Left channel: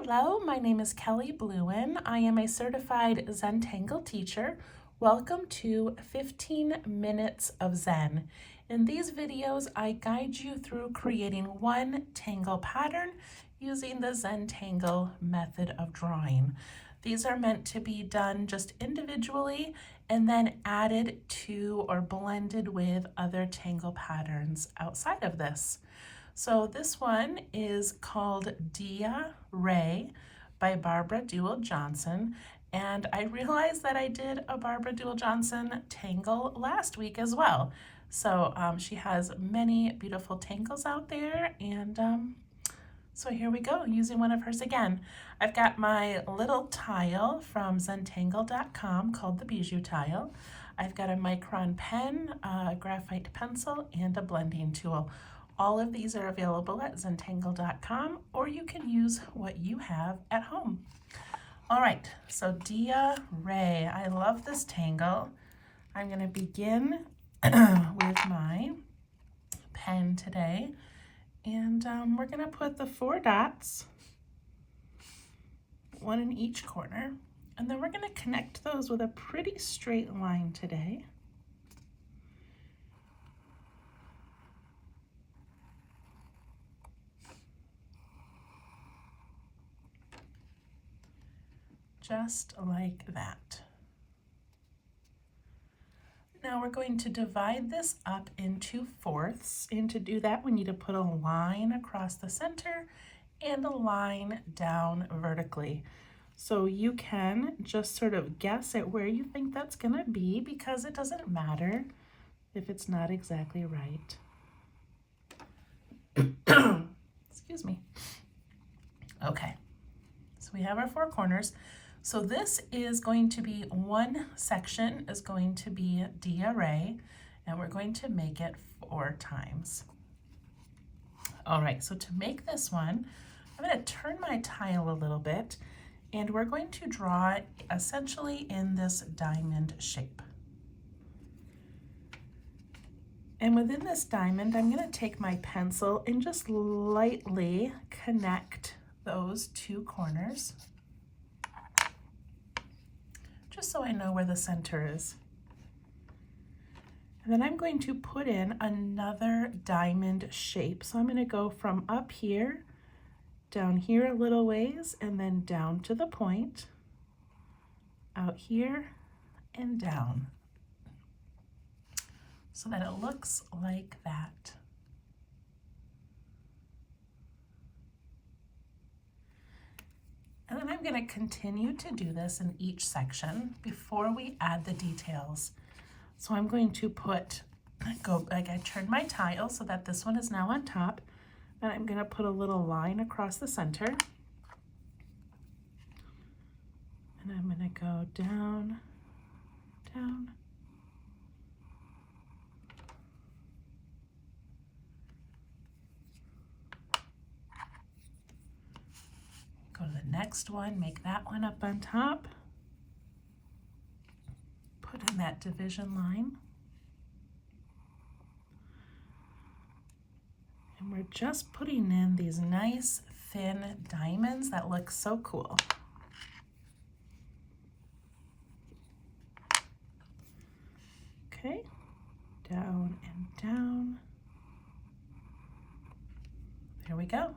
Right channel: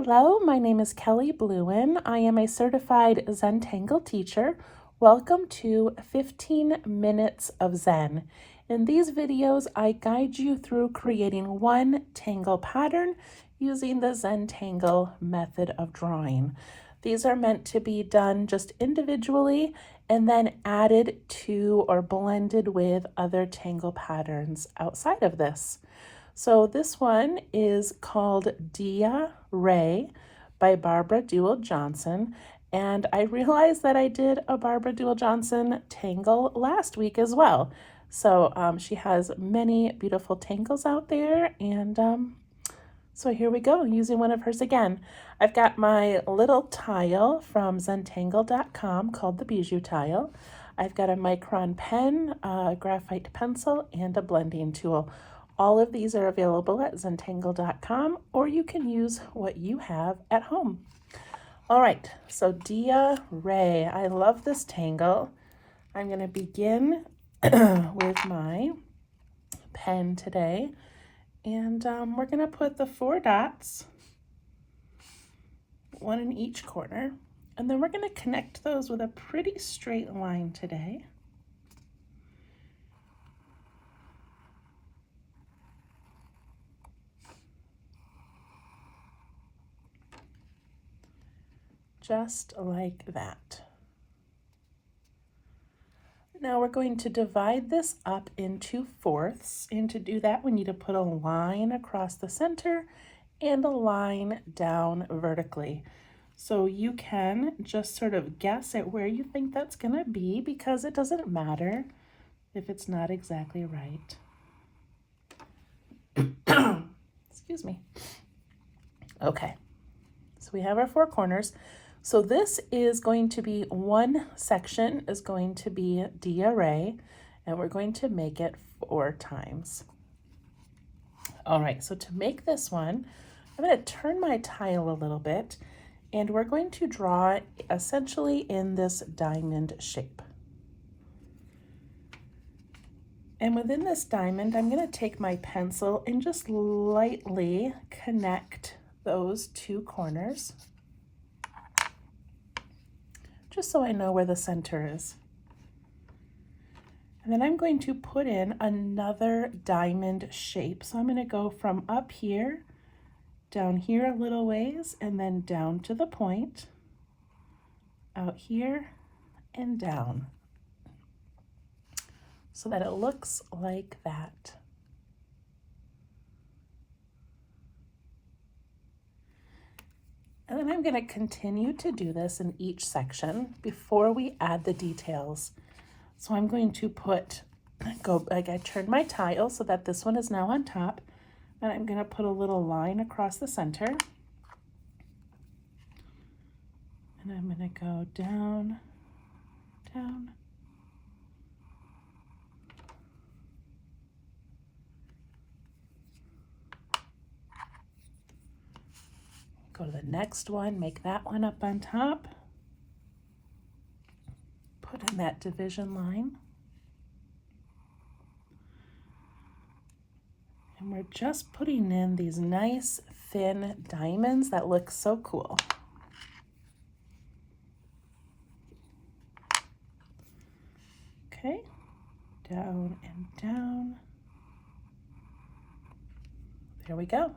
Hello, my name is Kelly Bluen. I am a certified Zentangle teacher. Welcome to 15 Minutes of Zen. In these videos, I guide you through creating one tangle pattern using the Zentangle method of drawing. These are meant to be done just individually and then added to or blended with other tangle patterns outside of this. So this one is called Dia Ray by Barbara Duel Johnson. And I realized that I did a Barbara Duel Johnson tangle last week as well. So she has many beautiful tangles out there. And so here we go, using one of hers again. I've got my little tile from Zentangle.com called the Bijou Tile. I've got a Micron pen, a graphite pencil, and a blending tool. All of these are available at Zentangle.com, or you can use what you have at home. All right, so Dia Ray, I love this tangle. I'm going to begin with my pen today, and we're going to put the 4 dots, one in each corner, and then we're going to connect those with a pretty straight line today. Just like that. Now we're going to divide this up into fourths, and to do that we need to put a line across the center and a line down vertically. So you can just sort of guess at where you think that's going to be, because it doesn't matter if it's not exactly right. Excuse me. Okay, so we have our 4 corners. So this is going to be, one section is going to be Dia Ray, and we're going to make it 4 times. All right, so to make this one, I'm going to turn my tile a little bit, and we're going to draw it essentially in this diamond shape. And within this diamond, I'm going to take my pencil and just lightly connect those 2 corners, just so I know where the center is. And then I'm going to put in another diamond shape. So I'm going to go from up here, down here a little ways, and then down to the point, out here, and down, so that it looks like that. And then I'm going to continue to do this in each section before we add the details. So I'm going to I turned my tile so that this one is now on top, and I'm going to put a little line across the center. And I'm going to go down, down, go to the next one, make that one up on top, put in that division line, and we're just putting in these nice thin diamonds that look so cool. Okay, down and down. There we go.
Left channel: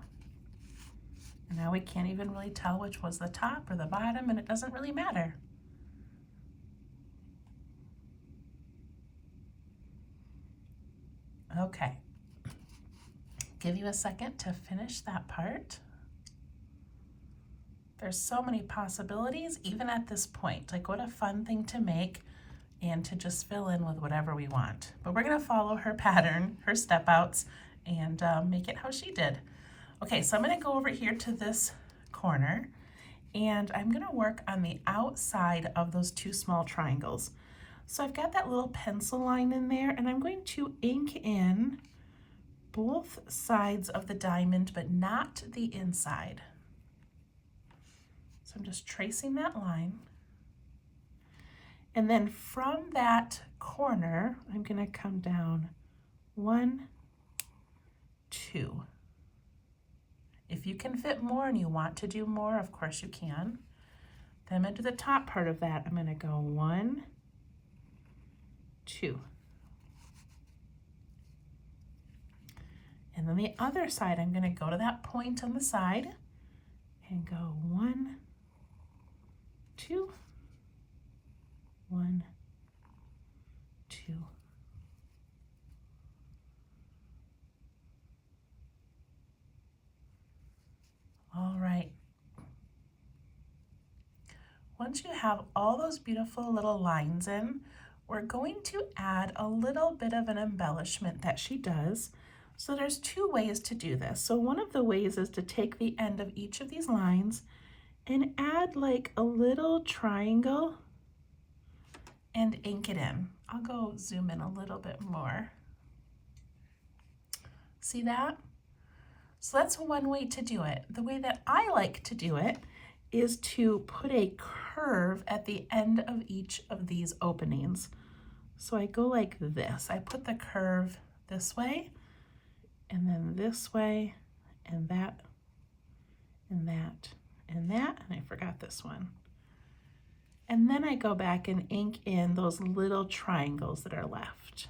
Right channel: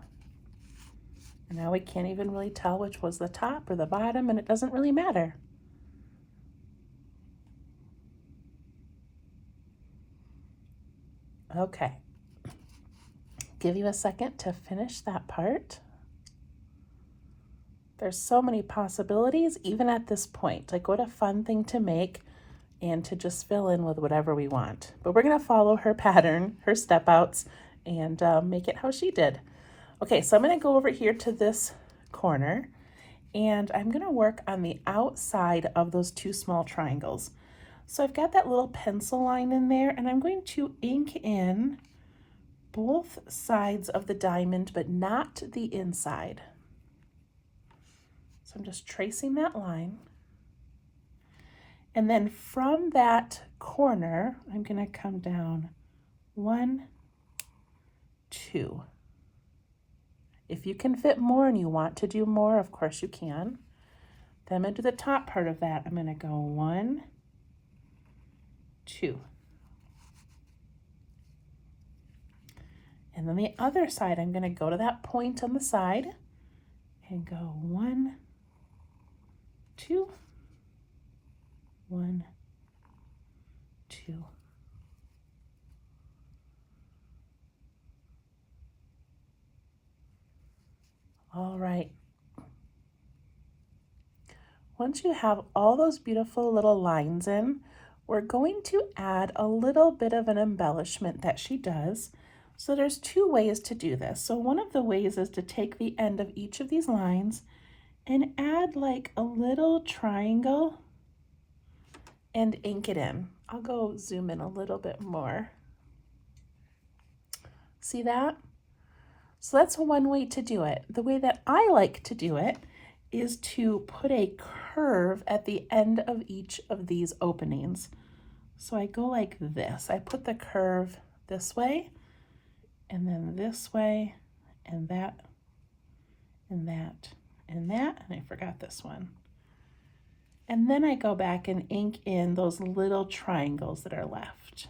And now we can't even really tell which was the top or the bottom, and it doesn't really matter. Okay, give you a second to finish that part. There's so many possibilities even at this point. Like, what a fun thing to make and to just fill in with whatever we want. But we're gonna follow her pattern, her step outs, and make it how she did. Okay, so I'm going to go over here to this corner, and I'm going to work on the outside of those 2 small triangles. So I've got that little pencil line in there, and I'm going to ink in both sides of the diamond, but not the inside. So I'm just tracing that line. And then from that corner, I'm going to come down 1, 2. If you can fit more and you want to do more, of course you can. Then I'm going to do the top part of that. I'm going to go 1, 2. And then the other side, I'm going to go to that point on the side and go 1, 2, 1, 2. All right. Once you have all those beautiful little lines in, we're going to add a little bit of an embellishment that she does. So there's 2 ways to do this. So one of the ways is to take the end of each of these lines and add like a little triangle and ink it in. I'll go zoom in a little bit more. See that? So that's one way to do it. The way that I like to do it is to put a curve at the end of each of these openings. So I go like this. I put the curve this way, and then this way, and that, and that, and that, and I forgot this one. And then I go back and ink in those little triangles that are left.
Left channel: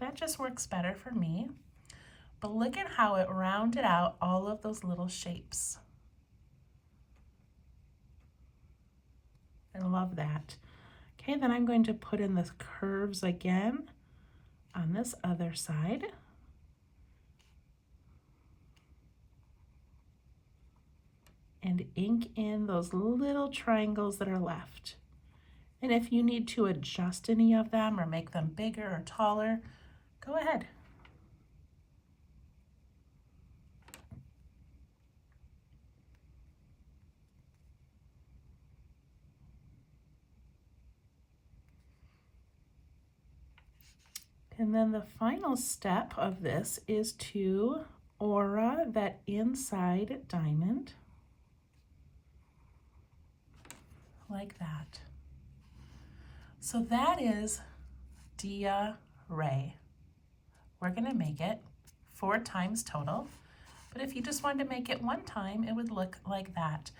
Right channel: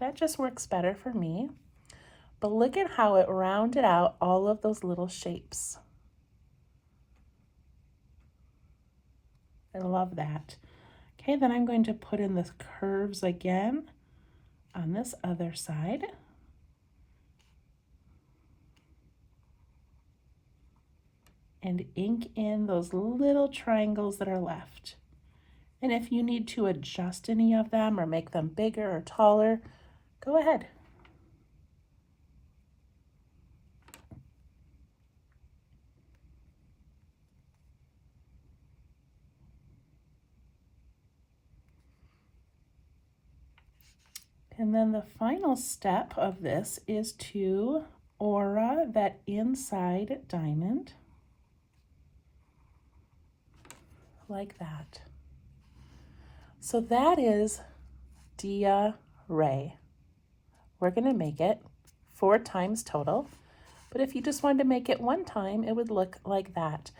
That just works better for me. But look at how it rounded out all of those little shapes. I love that. Okay, then I'm going to put in the curves again on this other side. And ink in those little triangles that are left. And if you need to adjust any of them or make them bigger or taller, go ahead. And then the final step of this is to aura that inside diamond like that. So that is Dia Ray. We're going to make it 4 times total, but if you just wanted to make it 1 time, it would look like that.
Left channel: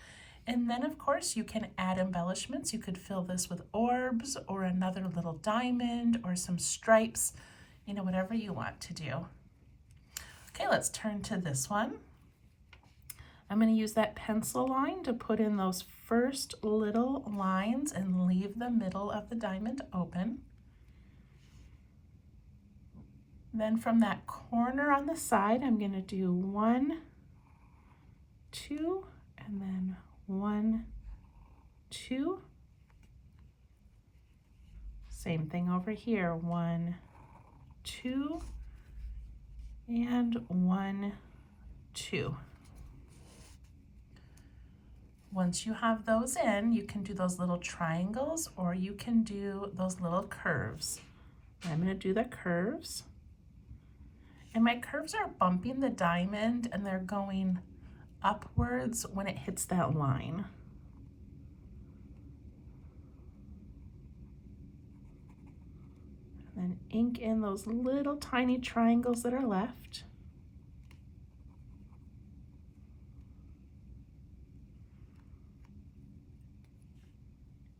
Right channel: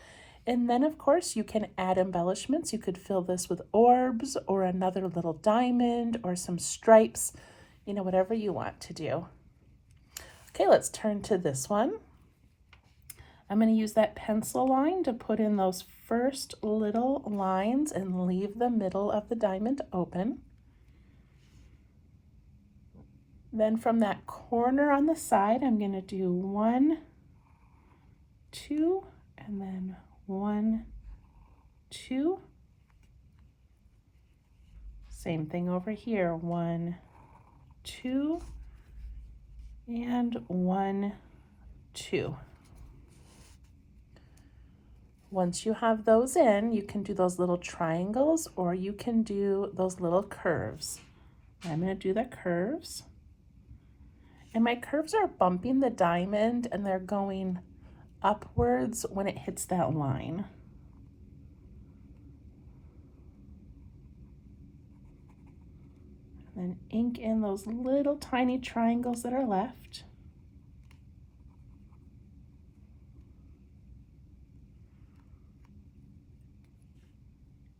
And then of course you can add embellishments. You could fill this with orbs or another little diamond or some stripes, you know, whatever you want to do. Okay, let's turn to this one. I'm going to use that pencil line to put in those first little lines and leave the middle of the diamond open. Then from that corner on the side, I'm going to do 1, 2, and then 1, 2. Same thing over here, 1, 2, and 1, 2. Once you have those in, you can do those little triangles or you can do those little curves. I'm going to do the curves. And my curves are bumping the diamond and they're going upwards when it hits that line. And then ink in those little tiny triangles that are left.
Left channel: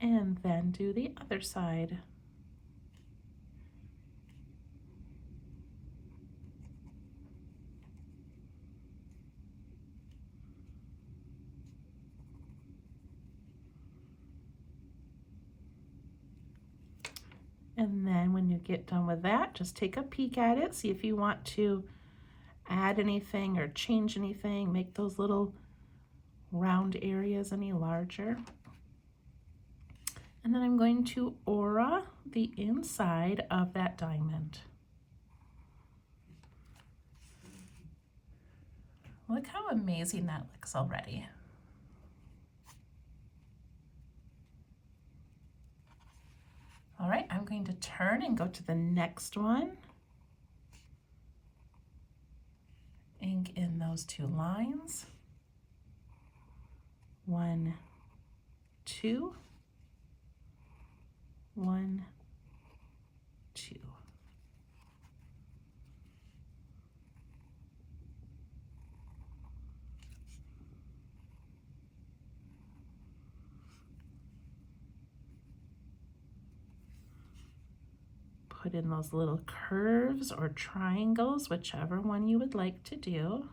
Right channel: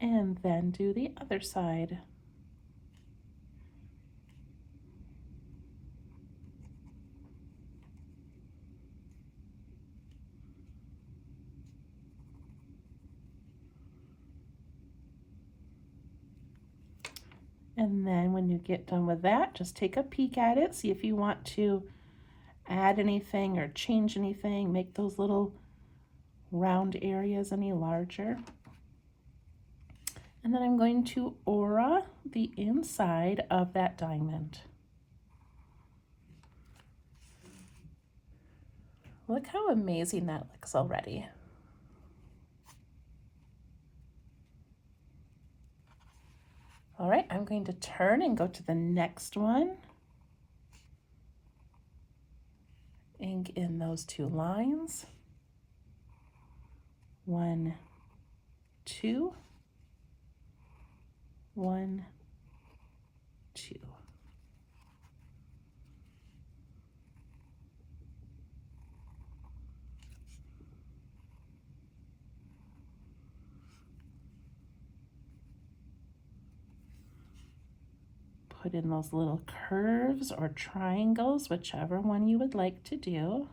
And then do the other side. And then when you get done with that, just take a peek at it, see if you want to add anything or change anything, make those little round areas any larger. And then I'm going to aura the inside of that diamond. Look how amazing that looks already. All right, I'm going to turn and go to the next one. Ink in those 2 lines. 1, 2. 1, 2. put in those little curves or triangles, whichever one you would like to do.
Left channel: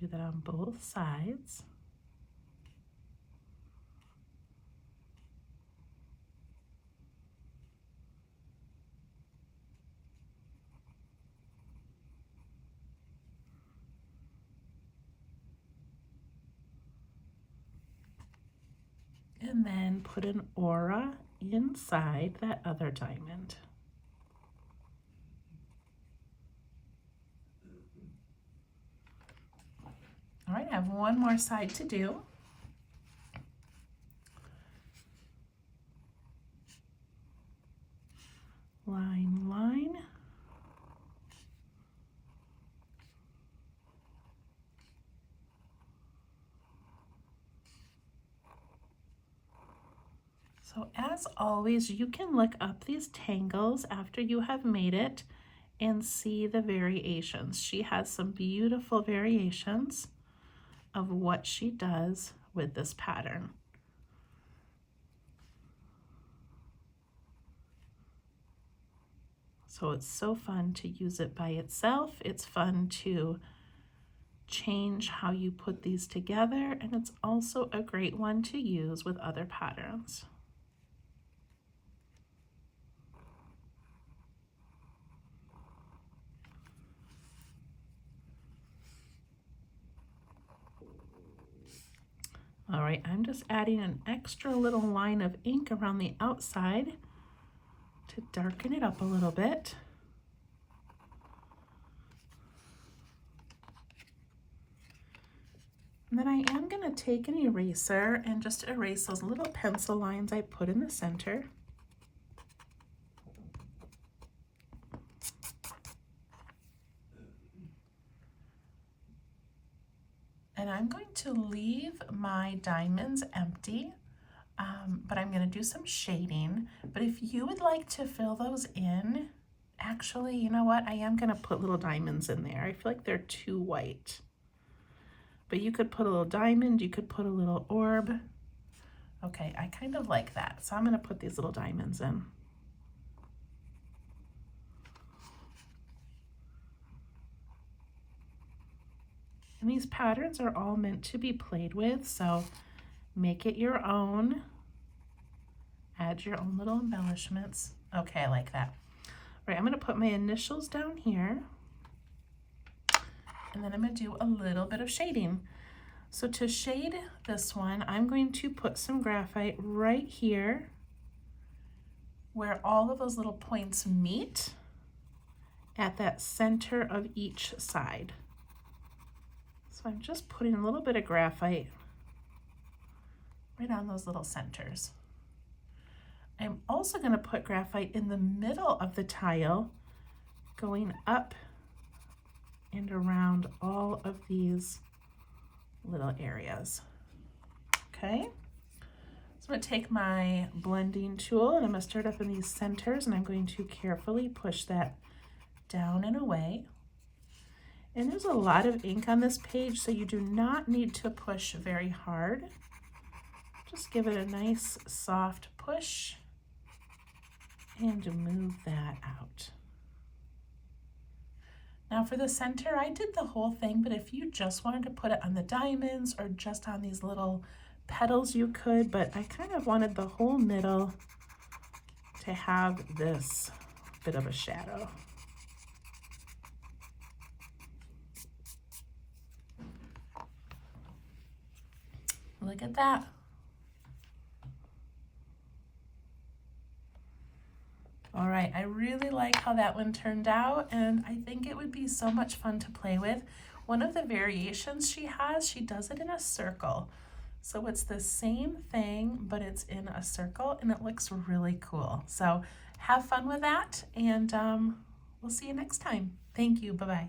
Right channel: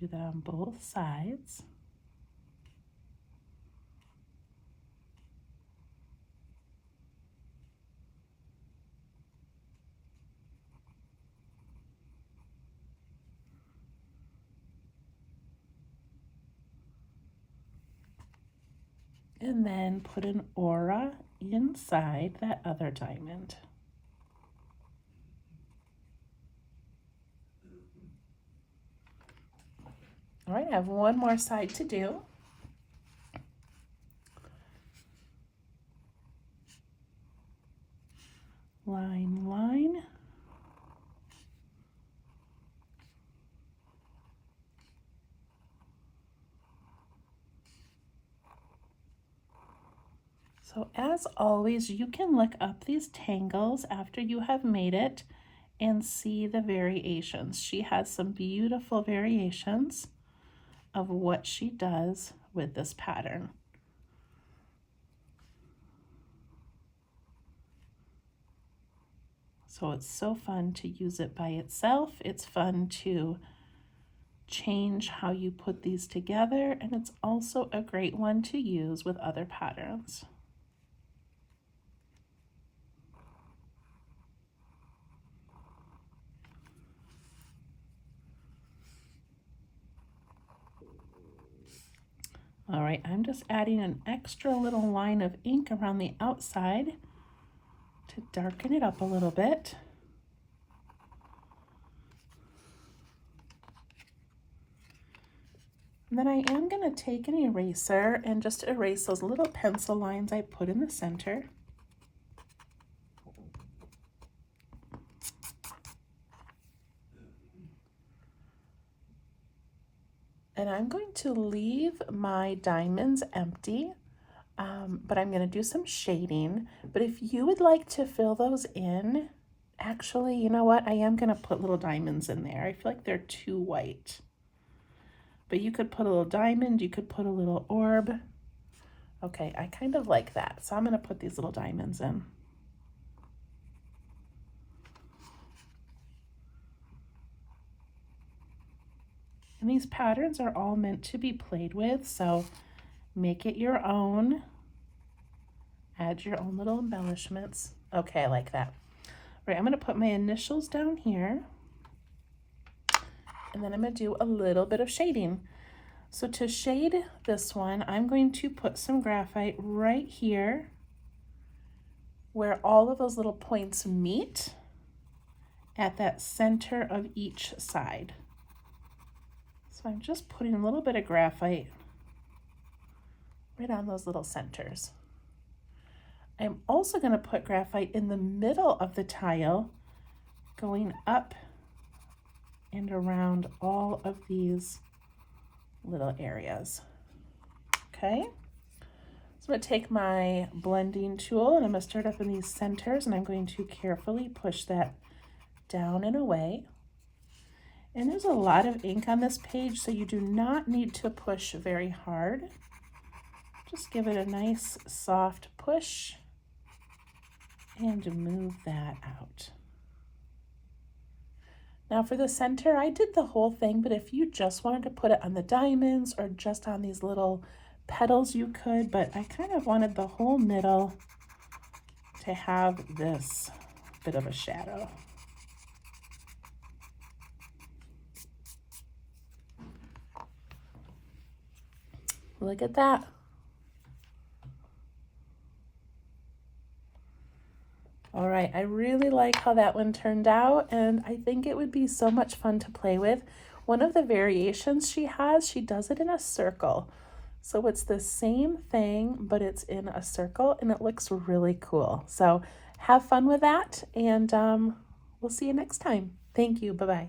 Do that on both sides. And then put an aura inside that other diamond. All right, I have one more side to do. Line, line. So as always, you can look up these tangles after you have made it and see the variations. She has some beautiful variations of what she does with this pattern. So it's so fun to use it by itself. It's fun to change how you put these together, and it's also a great one to use with other patterns. All right, I'm just adding an extra little line of ink around the outside to darken it up a little bit. And then I am going to take an eraser and just erase those little pencil lines I put in the center. And I'm going to leave my diamonds empty, but I'm going to do some shading. But if you would like to fill those in, actually, you know what? I am going to put little diamonds in there. I feel like they're too white. But you could put a little diamond, you could put a little orb. Okay, I kind of like that. So I'm going to put these little diamonds in. And these patterns are all meant to be played with, so make it your own. Add your own little embellishments. Okay, I like that. All right, I'm going to put my initials down here. And then I'm going to do a little bit of shading. So to shade this one, I'm going to put some graphite right here where all of those little points meet at that center of each side. So I'm just putting a little bit of graphite right on those little centers. I'm also going to put graphite in the middle of the tile, going up and around all of these little areas. Okay, so I'm going to take my blending tool and I'm going to start up in these centers, and I'm going to carefully push that down and away. And there's a lot of ink on this page, so you do not need to push very hard. Just give it a nice soft push and move that out. Now for the center, I did the whole thing, but if you just wanted to put it on the diamonds or just on these little petals, you could, but I kind of wanted the whole middle to have this bit of a shadow. Look at that. All right, I really like how that one turned out, and I think it would be so much fun to play with. One of the variations she has, she does it in a circle. So it's the same thing, but it's in a circle, and it looks really cool. So have fun with that, and we'll see you next time. Thank you. Bye-bye.